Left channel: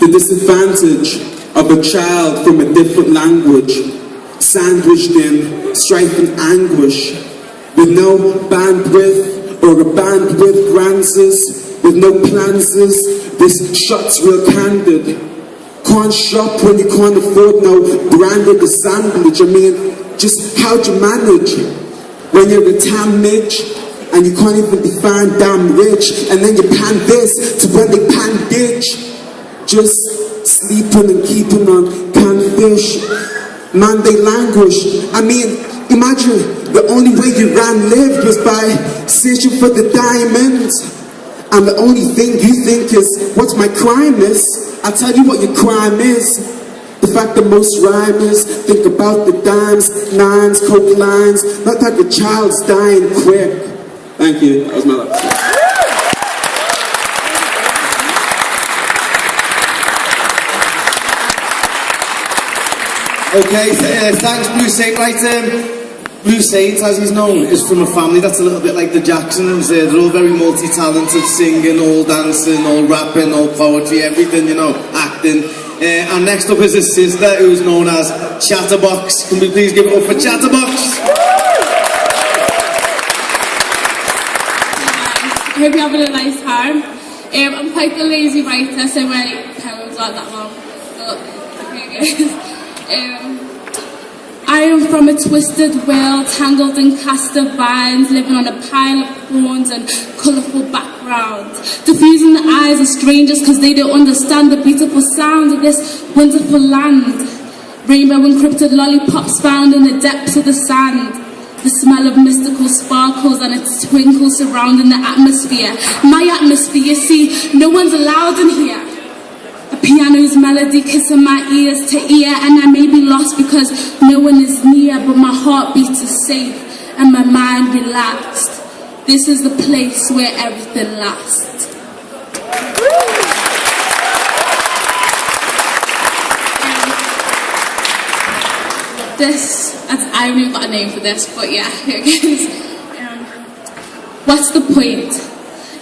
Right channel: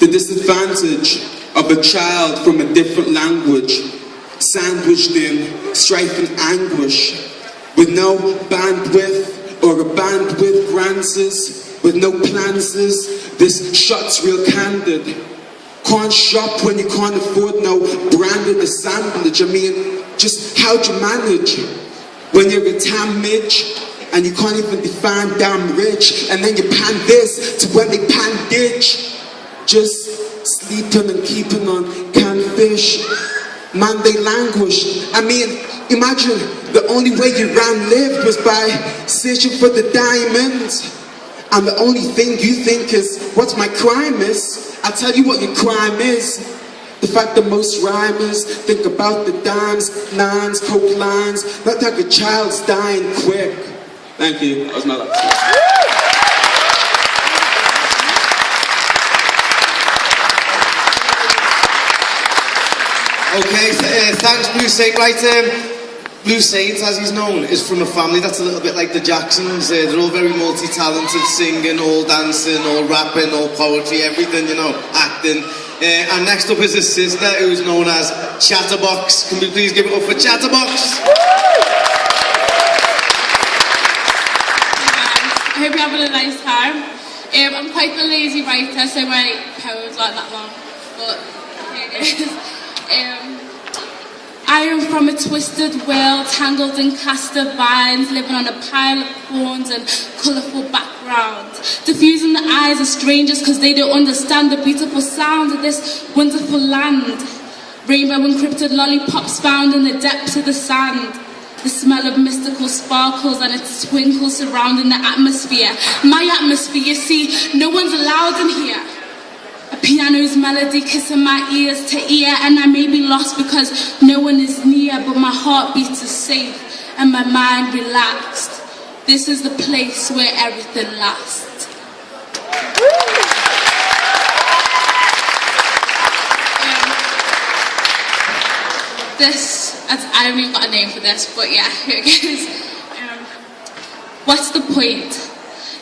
The disadvantage of a child from a different language, sandwiched in strife and anguish, with no bandwidth or a bandwidth grances, with no planses, this shot's real candid. Can't shop when you can't afford no branded assemblage. I mean, just how'd you manage when you're a town midge and you can't even define damn rich, and then you pan this to when they pan ditch? Just sleeping and keeping on canned fish. Man, they languish. I mean, imagine the only way you lived was by searching for the diamonds. And the only thing you think is, what's my crime is? I'll tell you what your crime is. The fact that most rhymers think about the dimes, nines, coke lines, not like a child's dying quick. Thank you. That was my last. Okay, thanks, Blue Saint. Right, Blue Saint, as he's known, is from a family that's a little bit like the Jacksons. They're all very multi-talented, singing, all dancing, all rapping, all poetry, everything, you know, acting. And next up is his sister, who's known as Chatterbox. Can we please give it up for Chatterbox? I hope you're having a nice time. I'm quite a lazy writer, so my poems aren't that long, but here it goes. I am from a twisted world, tangled in cast of vines, living on a pile of thorns and colourful backgrounds, diffusing the eyes of strangers because they don't understand the beautiful sound of this wonderful land. Rainbow encrypted lollipops found in the depths of the sand, the smell of mystical sparkles and its twinkle surrounding the atmosphere. My atmosphere, you see, no one's allowed in here. A piano's melody kissing my ears to ear, and I may be lost because no one is near, but my heartbeat is safe and my mind relaxed. This is the place where everything lasts. I haven't even got a name for this, but yeah, here it goes. What's the point?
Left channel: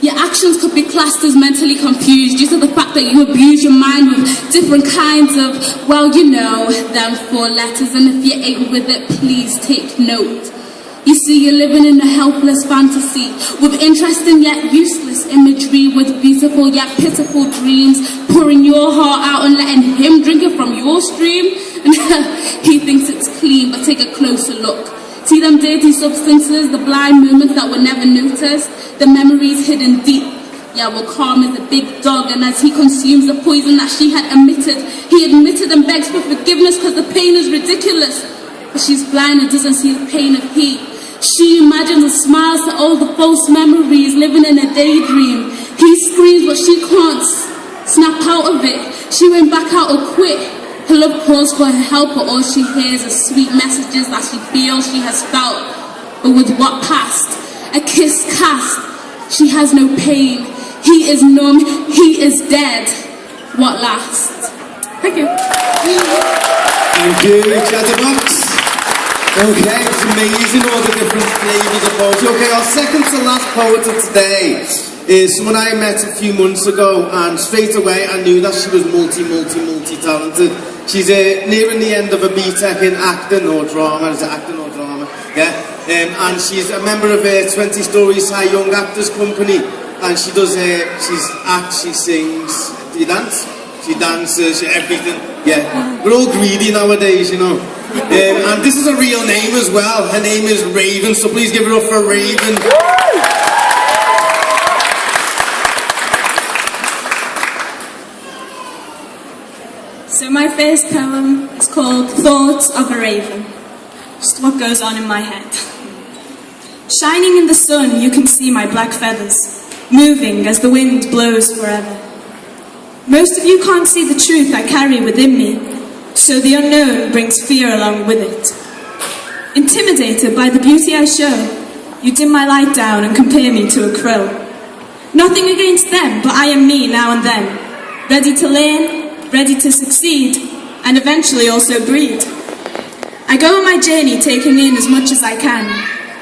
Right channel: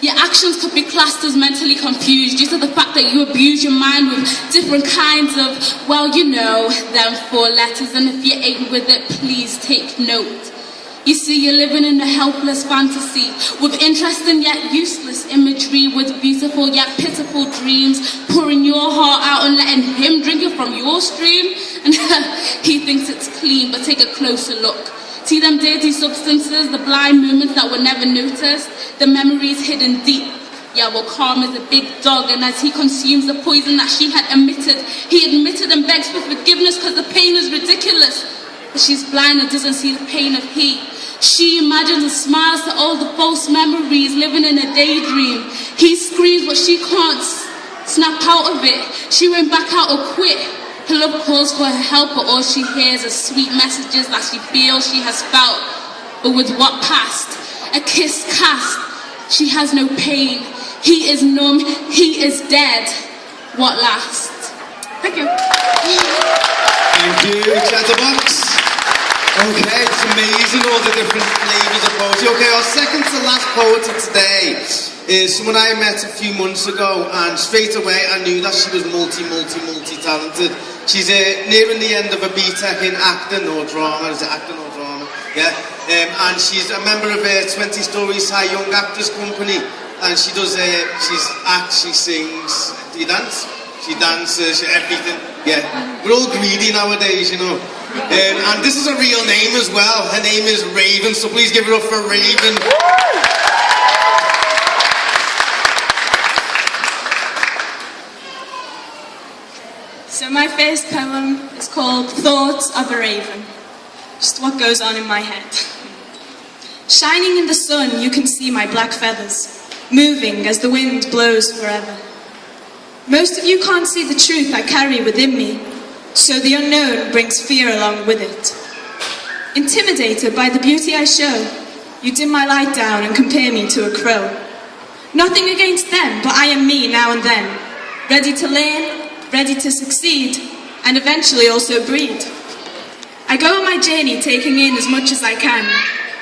Your actions could be classed as mentally confused due to the fact that you abuse your mind with different kinds of, well, you know, them 4 letters, and if you ain't with it, please take note. You see, you're living in a helpless fantasy with interesting yet useless imagery, with beautiful yet pitiful dreams, pouring your heart out and letting him drink it from your stream. And he thinks it's clean, but take a closer look. See them dirty substances, the blind moments that were never noticed, the memories hidden deep. Yeah, well, calm is a big dog, and as he consumes the poison that she had emitted, he admitted and begs for forgiveness because the pain is ridiculous. But she's blind and doesn't see the pain of heat. She imagines and smiles to all the false memories, living in a daydream. He screams, but she can't snap out of it. She went back out or quit. Her love calls for her help, but all she hears is sweet messages that she feels she has felt. But with what past? A kiss cast. She has no pain. He is numb. He is dead. What lasts? Thank you. Thank you, Chatterbox. Okay, it's amazing, all the different flavours of poetry. Okay, our second to last poet of today is someone I met a few months ago, and straight away I knew that she was multi-talented. She's nearing the end of a BTEC in acting or drama. Is it acting or drama? Yeah. And she's a member of 20 Stories High Young Actors Company, and she does, she acts, she sings. Do you dance? She dances, everything. Yeah. We're all greedy nowadays, you know. And this is a real name as well. Her name is Raven, so please give it up for Raven. So my first poem is called Thoughts of a Raven. Just what goes on in my head. Shining in the sun, you can see my black feathers, moving as the wind blows forever. Most of you can't see the truth I carry within me, so the unknown brings fear along with it. Intimidated by the beauty I show, you dim my light down and compare me to a crow. Nothing against them, but I am me now and then, ready to learn, ready to succeed, and eventually also breed. I go on my journey taking in as much as I can,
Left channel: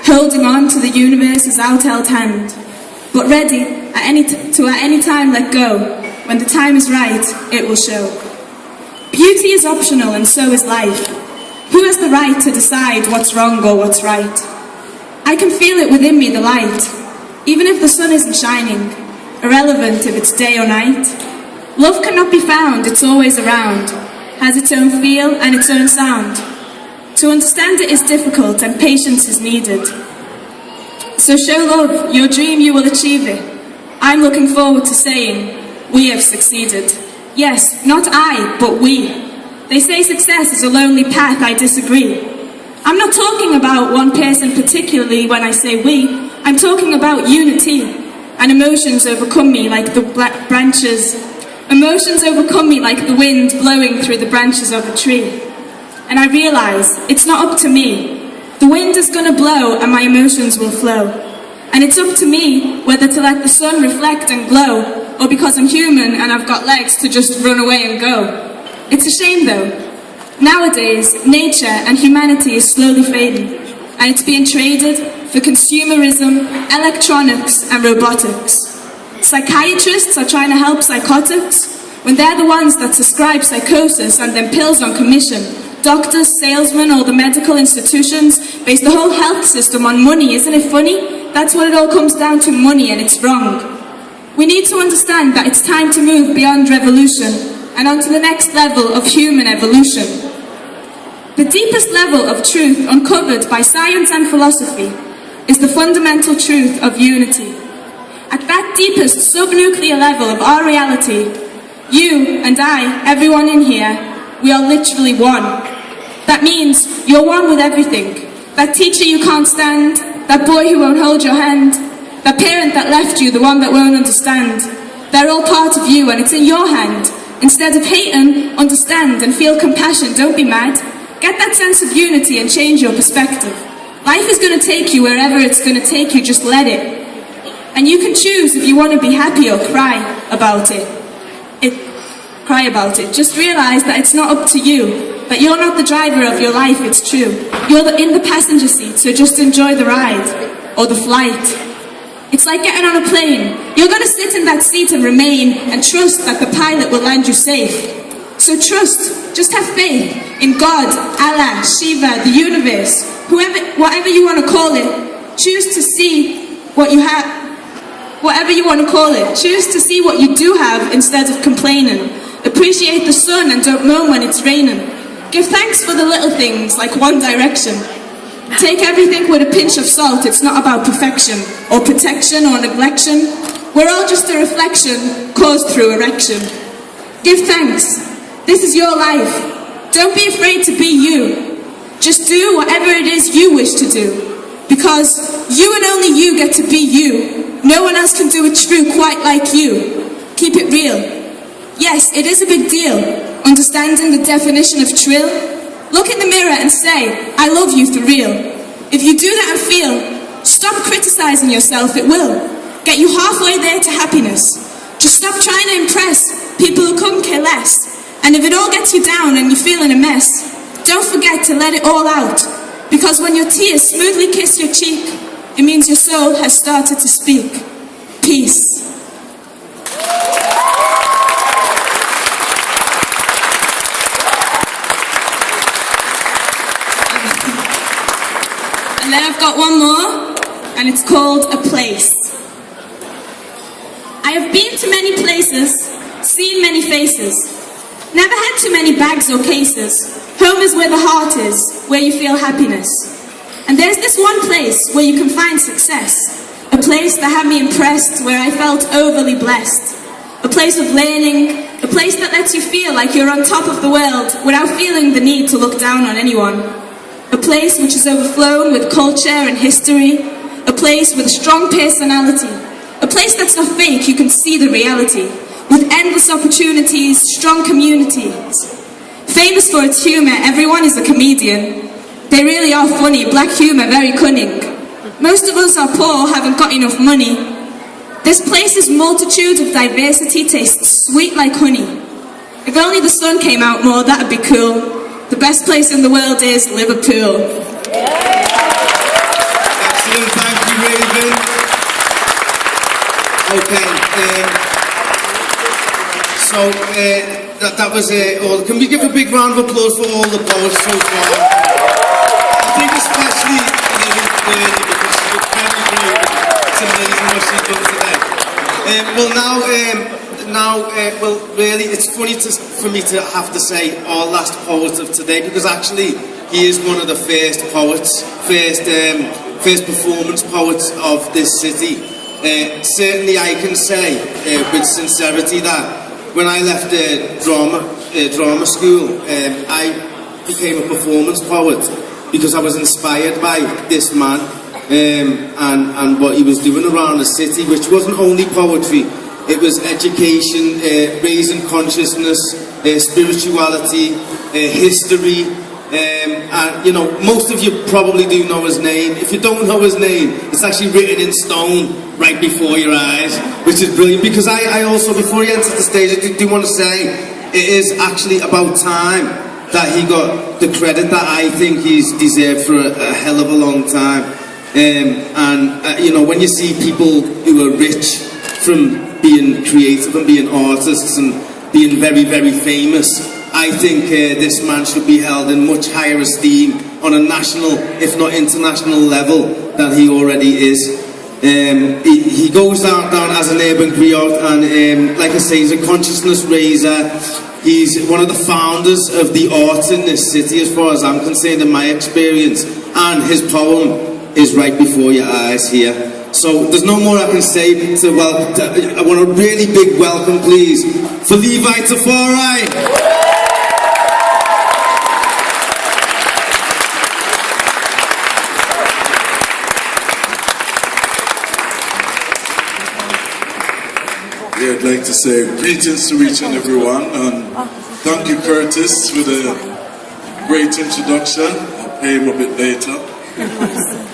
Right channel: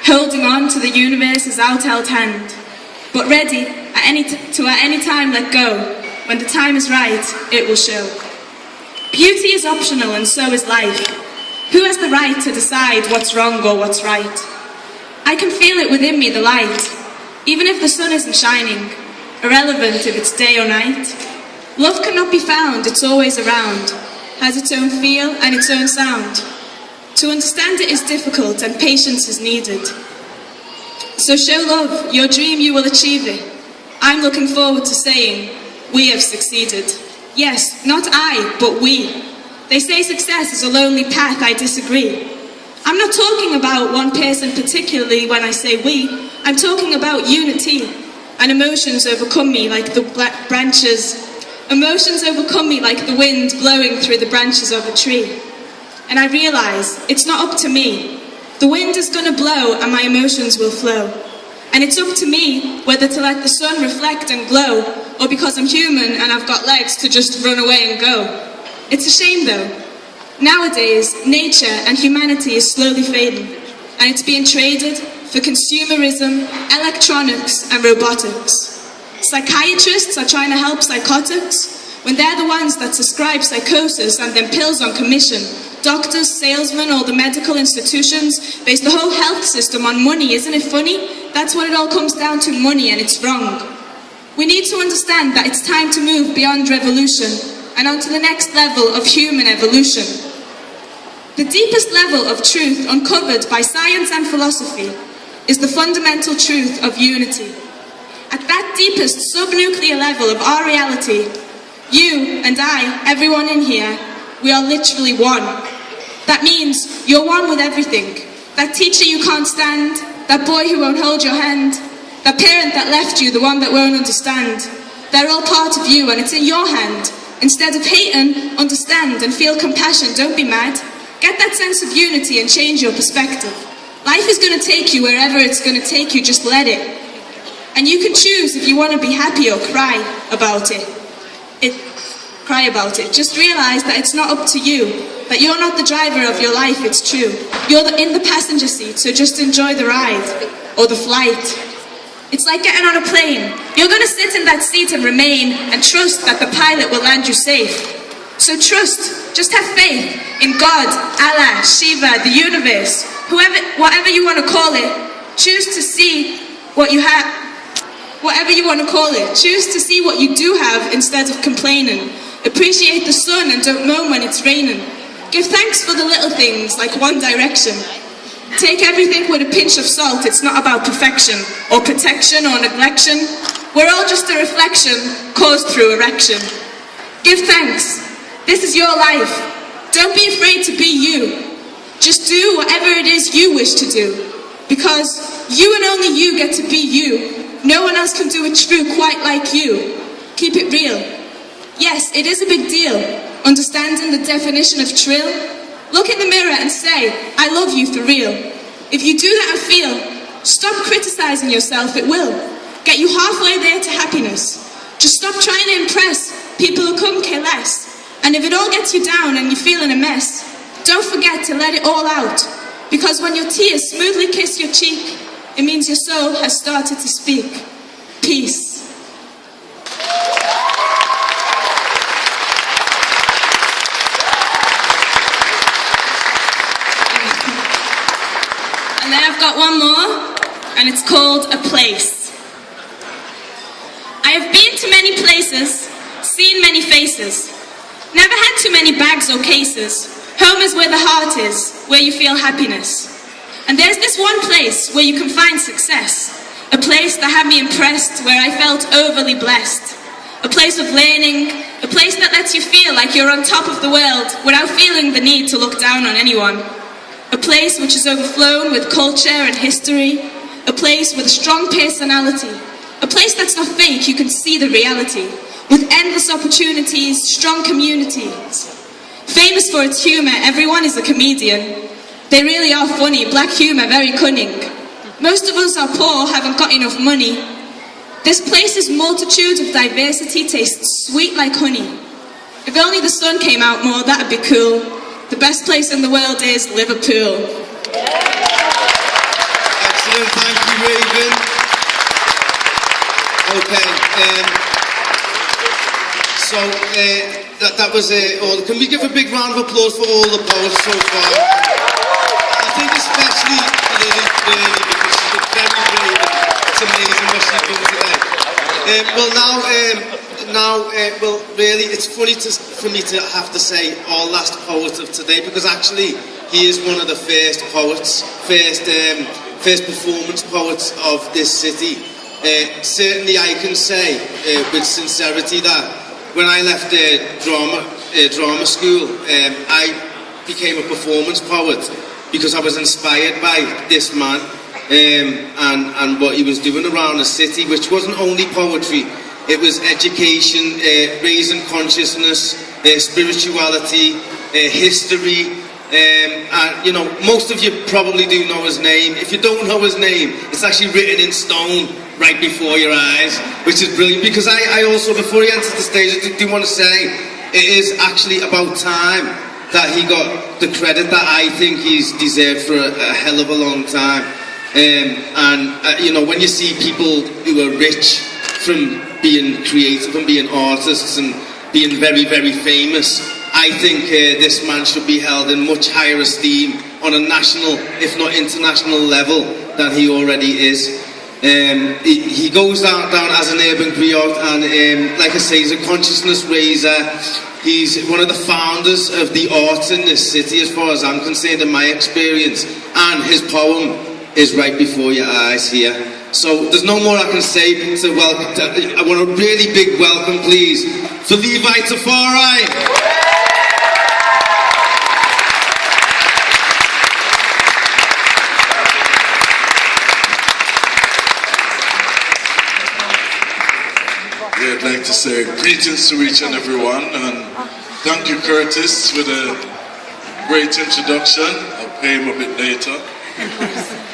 holding on to the universe's out-held hand, but ready to at any time let go, When the time is right, it will show. Beauty is optional and so is life. Who has the right to decide what's wrong or what's right? I can feel it within me, the light, even if the sun isn't shining, irrelevant if it's day or night. Love cannot be found, it's always around, has its own feel and its own sound. To understand it is difficult and patience is needed. So show love, your dream you will achieve it. I'm looking forward to saying, we have succeeded. Yes, not I, but we. They say success is a lonely path, I disagree. I'm not talking about one person particularly when I say we. I'm talking about unity. And emotions overcome me like the branches. Emotions overcome me like the wind blowing through the branches of a tree. And I realise it's not up to me. The wind is going to blow and my emotions will flow. And it's up to me whether to let the sun reflect and glow, or because I'm human and I've got legs to just run away and go. It's a shame though. Nowadays, nature and humanity is slowly fading, and it's being traded for consumerism, electronics and robotics. Psychiatrists are trying to help psychotics when they're the ones that prescribe psychosis and then pills on commission. Doctors, salesmen, or the medical institutions base the whole health system on money. Isn't it funny? That's what it all comes down to, money, and it's wrong. We need to understand that it's time to move beyond revolution and onto the next level of human evolution. The deepest level of truth uncovered by science and philosophy is the fundamental truth of unity. At that deepest subnuclear level of our reality, you and I, everyone in here, we are literally one. That means you're one with everything. That teacher you can't stand, that boy who won't hold your hand, that parent that left you, the one that won't understand. They're all part of you and it's in your hand. Instead of hating, understand and feel compassion. Don't be mad. Get that sense of unity and change your perspective. Life is going to take you wherever it's going to take you, just let it. And you can choose if you want to be happy or cry about it. Cry about it. Just realise that it's not up to you, that you're not the driver of your life, it's true. You're in the passenger seat, so just enjoy the ride, or the flight. It's like getting on a plane. You're going to sit in that seat and remain, and trust that the pilot will land you safe. So trust, just have faith in God, Allah, Shiva, the universe, whatever you want to call it. Choose to see what you have, whatever you want to call it. Choose to see what you do have instead of complaining. Appreciate the sun and don't moan when it's raining. Give thanks for the little things like One Direction. Take everything with a pinch of salt. It's not about perfection or protection or neglection. We're all just a reflection caused through erection. Give thanks. This is your life. Don't be afraid to be you. Just do whatever it is you wish to do. Because you and only you get to be you. No one else can do it true quite like you. Keep it real. Yes, it is a big deal, understanding the definition of trill. Look in the mirror and say, I love you for real. If you do that and feel, stop criticising yourself, it will. Get you halfway there to happiness. Just stop trying to impress people who couldn't care less. And if it all gets you down and you're feeling a mess, don't forget to let it all out. Because when your tears smoothly kiss your cheek, it means your soul has started to speak. Peace. And then I've got one more, and it's called A Place. I have been to many places, seen many faces, never had too many bags or cases. Home is where the heart is, where you feel happiness. And there's this one place where you can find success, a place that had me impressed, where I felt overly blessed, a place of learning, a place that lets you feel like you're on top of the world without feeling the need to look down on anyone. A place which is overflown with culture and history. A place with a strong personality. A place that's not fake, you can see the reality. With endless opportunities, strong communities. Famous for its humour, everyone is a comedian. They really are funny, black humour, very cunning. Most of us are poor, haven't got enough money. This place's multitude of diversity tastes sweet like honey. If only the sun came out more, that'd be cool. The best place in the world is Liverpool. Excellent, thank you, Raven. Okay, So that was all. Can we give a big round of applause for all the poets so far? I think especially Lily, because she's very brave. It's amazing what she's done today. Well, really, it's funny for me to have to say our last poet of today, because actually he is one of the first poets, first performance poets of this city. Certainly I can say with sincerity that when I left drama school, I became a performance poet because I was inspired by this man and what he was doing around the city, which wasn't only poetry, it was education, raising consciousness, spirituality, history. And you know, most of you probably do know his name. If you don't know his name, it's actually written in stone right before your eyes, which is brilliant. Because I also, before he enters the stage, I do want to say it is actually about time that he got the credit that I think he's deserved for a hell of a long time. You know, when you see people who are rich from being creative and being artists and being very, very famous, I think this man should be held in much higher esteem on a national, if not international level than he already is. He goes down as an urban griot, and like I say, he's a consciousness raiser. He's one of the founders of the arts in this city, as far as I'm concerned, in my experience. And his poem is right before your eyes here. So there's no more I can say to welcome. I want a really big welcome, please, for Levi Tafari. Yeah, I'd like to say greetings to each and everyone, and thank you, Curtis, for the great introduction. I'll pay him a bit later.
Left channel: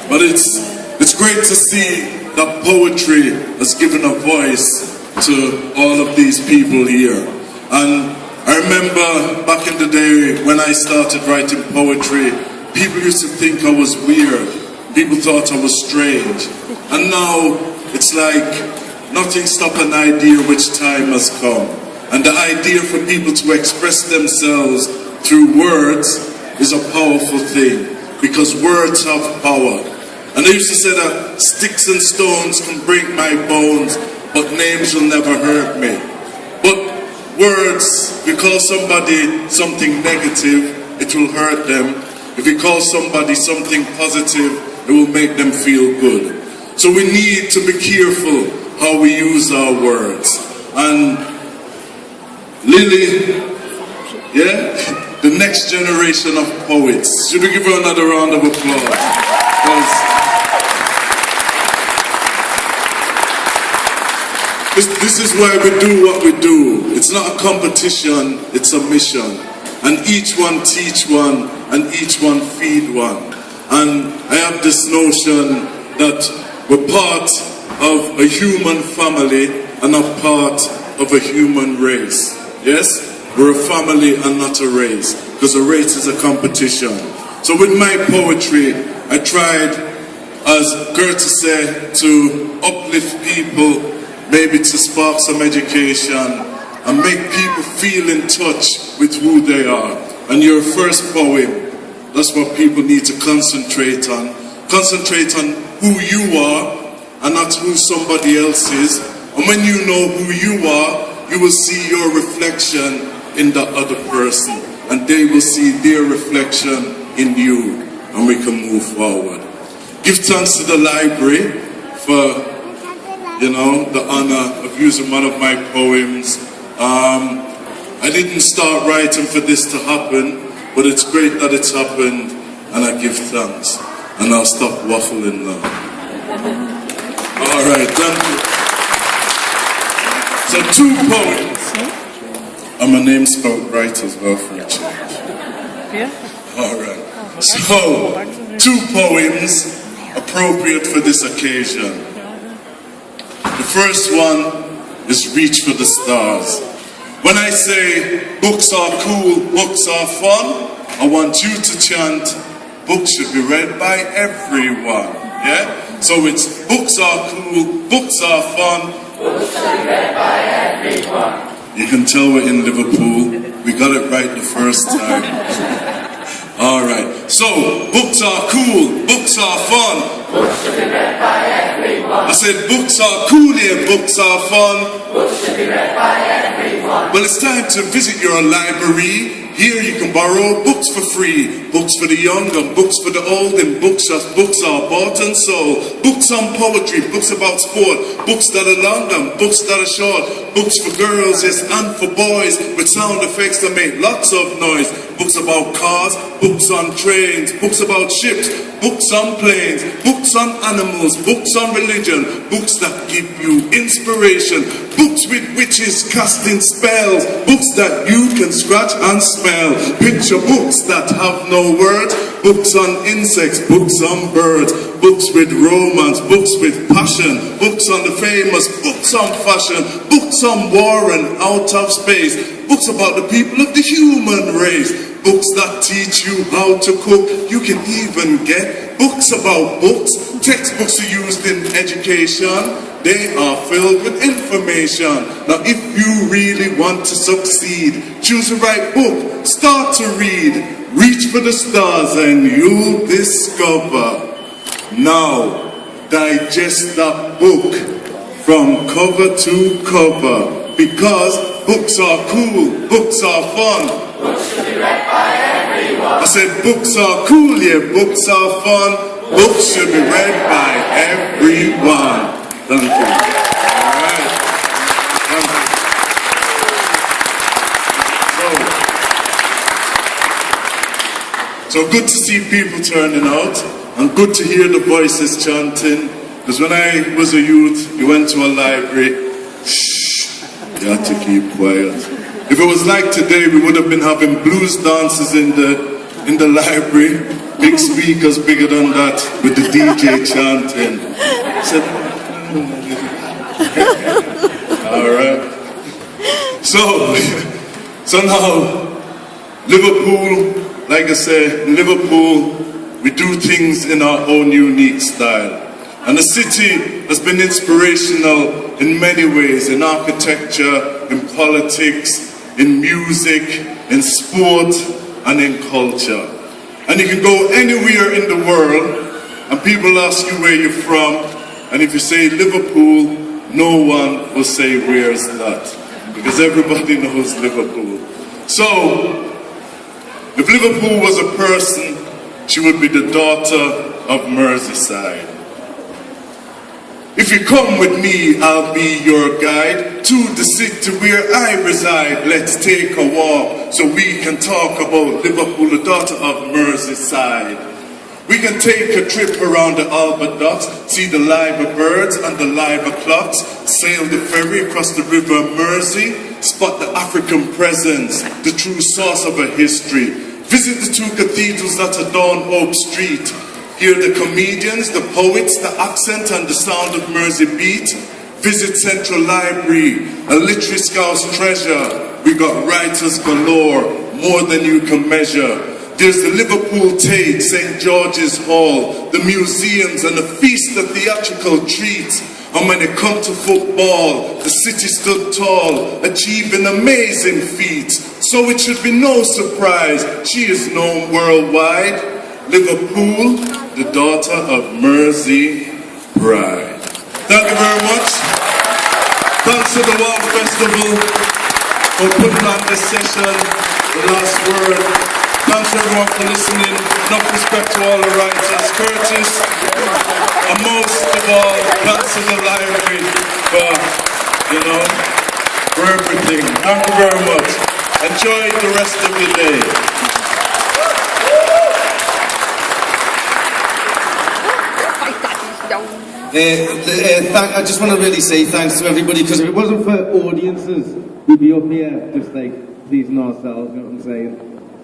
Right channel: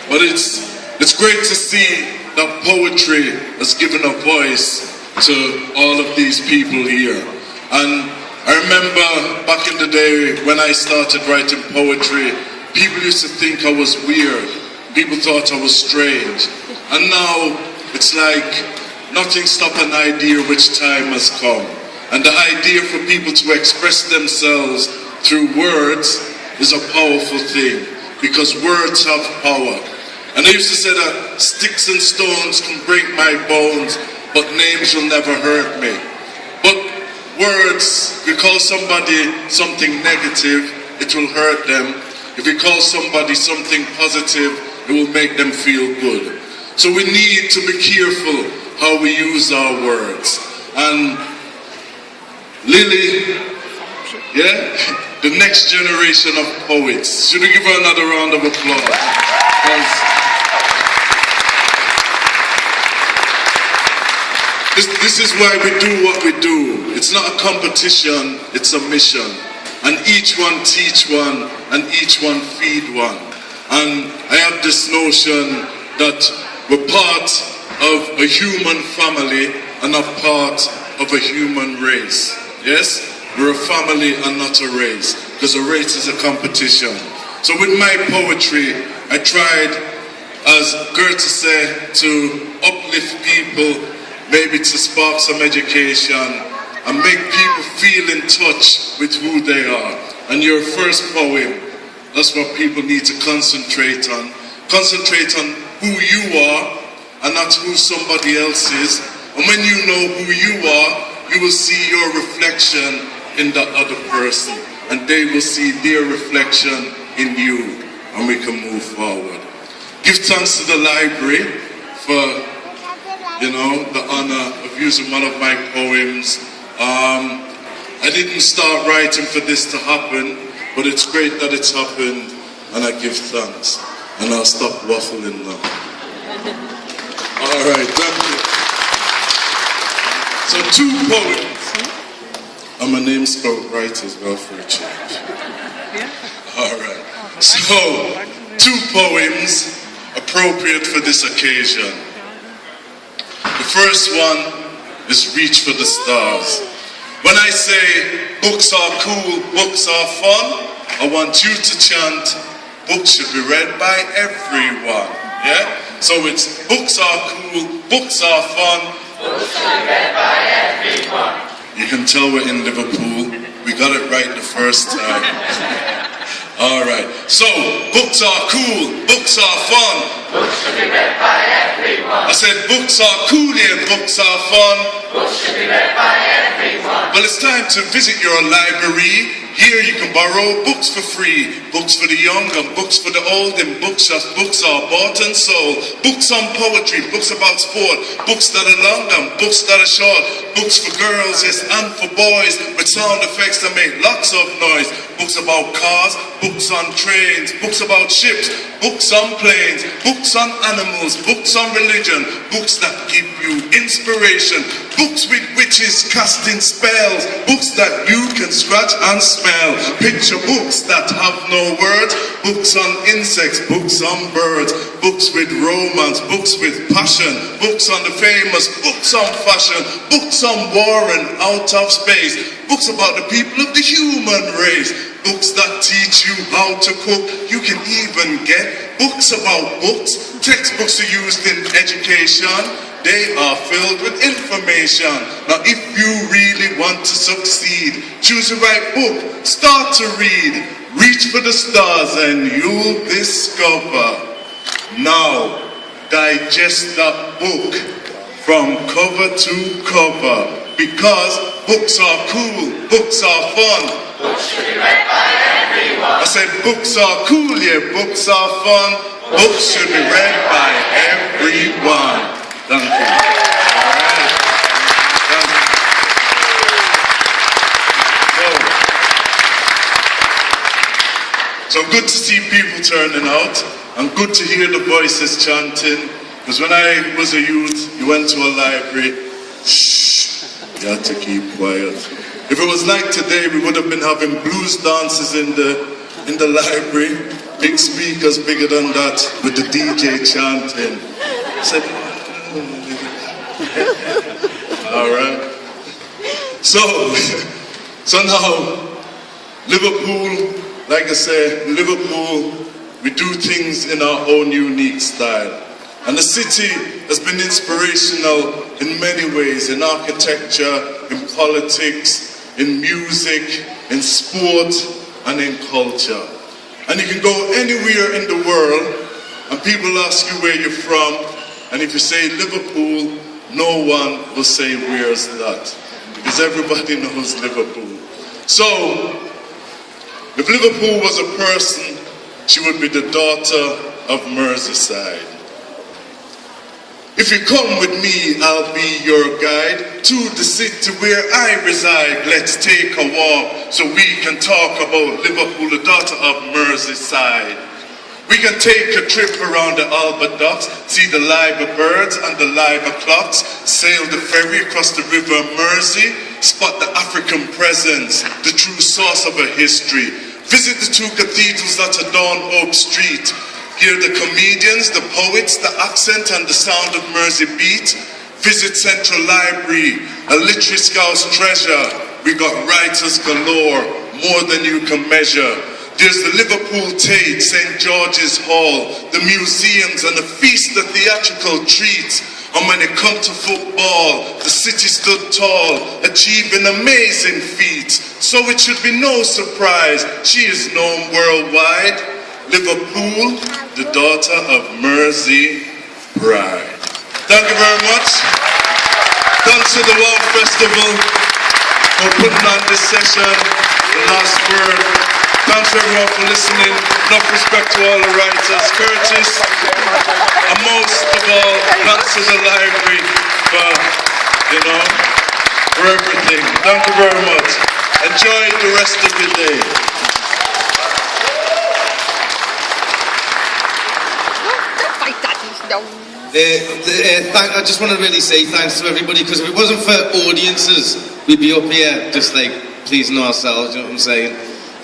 But it's great to see that poetry has given a voice to all of these people here. And I remember back in the day when I started writing poetry, people used to think I was weird. People thought I was strange. And now it's like nothing stops an idea which time has come. And the idea for people to express themselves through words is a powerful thing, because words have power. And I used to say that sticks and stones can break my bones, but names will never hurt me. But words, if you call somebody something negative, it will hurt them. If you call somebody something positive, it will make them feel good. So we need to be careful how we use our words. And Lily, yeah, the next generation of poets. Should we give her another round of applause? This is why we do what we do. It's not a competition, it's a mission. And each one teach one, and each one feed one. And I have this notion that we're part of a human family and a part of a human race. Yes? We're a family and not a race, because a race is a competition. So with my poetry, I tried, as Goethe said, to uplift people, maybe to spark some education and make people feel in touch with who they are. And your first poem, that's what people need to concentrate on. Concentrate on who you are and not who somebody else is. And when you know who you are, you will see your reflection in the other person, and they will see their reflection in you, and we can move forward. Give thanks to the library for, the honor of using one of my poems. I didn't start writing for this to happen, but it's great that it's happened, and I give thanks. And I'll stop waffling now. All right, thank you. So 2 poems. And my name spelled right as well for a change. Yeah. All right. So 2 poems appropriate for this occasion. The first one is Reach for the Stars. When I say books are cool, books are fun, I want you to chant, books should be read by everyone. Yeah? So it's books are cool, books are fun, books should be read by everyone. You can tell we're in Liverpool. We got it right the first time. All right. So, books are cool. Books are fun. Books should be read by everyone. I said books are cool, yeah, books are fun. Books should be read by everyone. Well, it's time to visit your library. Here you can borrow books for free. Books for the young and books for the old. In bookshops, books are bought and sold. Books on poetry, books about sport. Books that are long and books that are short. Books for girls, yes, and for boys. With sound effects that make lots of noise. Books about cars, books on trains. Books about ships, books on planes. Books on animals, books on religion. Books that give you inspiration. Books with witches casting spells. Books that you can scratch and smell. Picture books that have no words. Books on insects, books on birds. Books with romance, books with passion. Books on the famous, books on fashion. Books on war and out of space. Books about the people of the human race. Books that teach you how to cook. You can even get books about books. Textbooks are used in education. They are filled with information. Now if you really want to succeed, choose the right book, start to read, reach for the stars and you'll discover. Now, digest that book from cover to cover, because books are cool, books are fun. Books should be read by everyone. I said books are cool, yeah, books are fun. Books should be read by everyone. Thank you. All right. Thank you. So good to see people turning out, and good to hear the voices chanting. Because when I was a youth, you went to a library, shh, you had to keep quiet. If it was like today, we would have been having blues dances in the library. Big speakers bigger than that, with the DJ chanting. I said, all right. So now, Liverpool, like I said, in Liverpool, we do things in our own unique style. And the city has been inspirational in many ways, in architecture, in politics, in music, in sport, and in culture. And you can go anywhere in the world, and people ask you where you're from, and if you say Liverpool, no one will say where's that, because everybody knows Liverpool. So, if Liverpool was a person, she would be the daughter of Merseyside. If you come with me, I'll be your guide to the city where I reside. Let's take a walk so we can talk about Liverpool, the daughter of Merseyside. We can take a trip around the Albert Docks, see the liver birds and the liver clocks, sail the ferry across the River Mersey, spot the African presence, the true source of a history, visit the two cathedrals that adorn Oak Street, hear the comedians, the poets, the accent and the sound of Mersey beat, visit Central Library, a literary scout's treasure. We got writers galore, more than you can measure. There's the Liverpool Tate, St. George's Hall, the museums and the feast of theatrical treats. And when it comes to football, the city stood tall, achieving amazing feats. So it should be no surprise, she is known worldwide. Liverpool, the daughter of Mersey Pride. Thank you very much. Thanks to the Wow Festival for putting on this session, the last word. Thanks everyone for listening. Enough respect to all the writers. Curtis, and most of all, thanks to the library for everything. Thank you very much. Enjoy the rest of the day. I just want to really say thanks to everybody, because if it wasn't for audiences, we'd be up here just like pleasing ourselves, you know what I'm saying?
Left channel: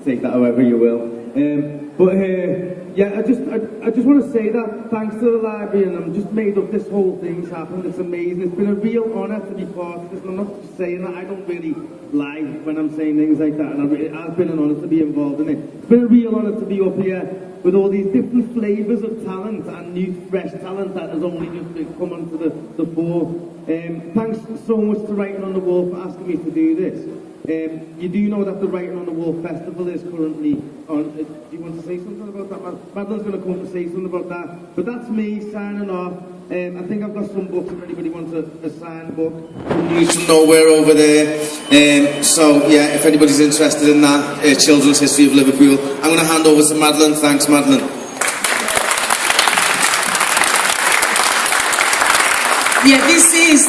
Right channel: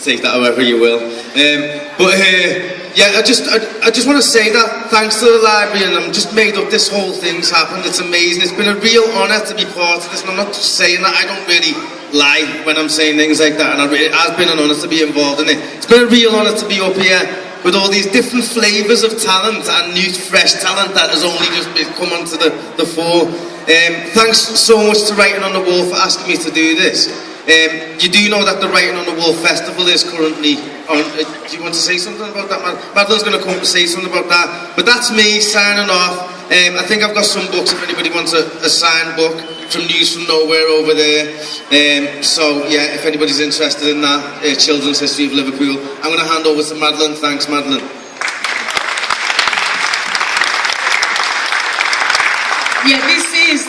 Take that however you will. Yeah, I just want to say that thanks to the library, and I'm just made up this whole thing's happened. It's amazing. It's been a real honour to be part of this, and I'm not just saying that. I don't really lie when I'm saying things like that, and it has been an honour to be involved in it. It's been a real honour to be up here with all these different flavours of talent and new, fresh talent that has only just come onto the fore. Thanks so much to Writing on the Wall for asking me to do this. You do know that the Writing on the Wall Festival is currently on. Do you want to say something about that, Madeline's going to come and say something about that. But that's me signing off. I think I've got some books if anybody wants a signed book from News from Nowhere over there. So yeah, if anybody's interested in that, Children's History of Liverpool, I'm going to hand over to Madeline. Thanks, Madeline. Yeah, this is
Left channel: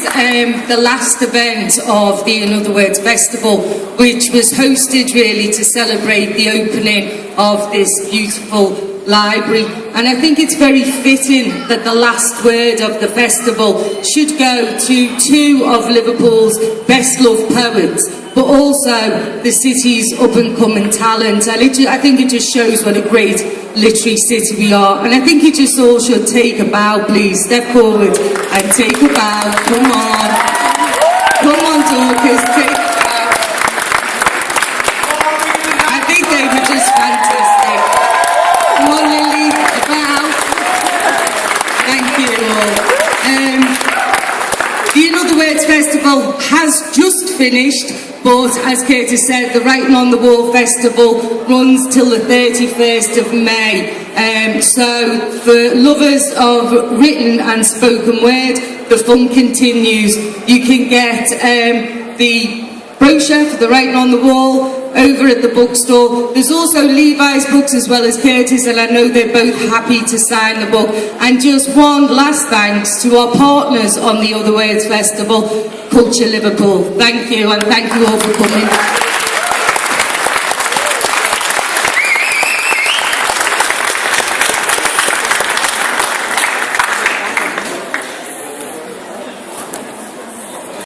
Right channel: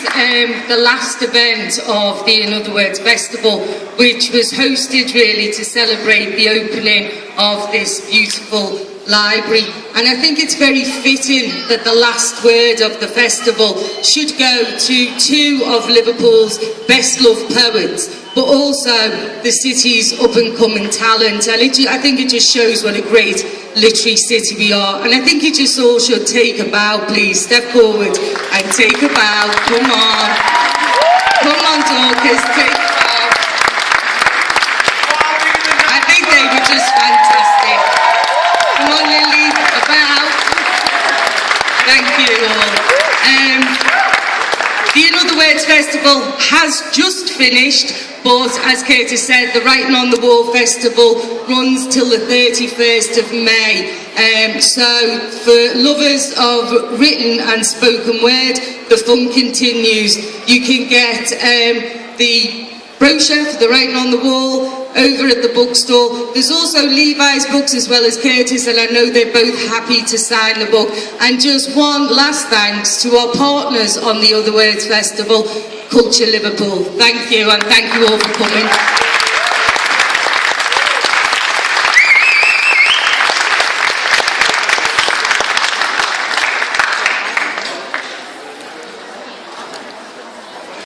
the last event of the In Other Words Festival, which was hosted really to celebrate the opening of this beautiful library. And I think it's very fitting that the last word of the festival should go to two of Liverpool's best loved poets, but also the city's up and coming talent. And I think it just shows what a great literary city we are. And I think you just all should take a bow, please. Step forward and take a bow. Come on. Come on, talkers, take a bow. I think they were just fantastic. Come on, Lily, a bow. Thank you all. The In Other Words Festival has just finished, but as Curtis said, the Writing on the Wall Festival runs till the 31st of May. So for lovers of written and spoken word, the fun continues. You can get the brochure for the Writing on the Wall over at the bookstore. There's also Levi's books as well as Curtis, and I know they're both happy to sign the book. And just one last thanks to our partners on the Other Words Festival, Culture Liverpool. Thank you, and thank you all for coming.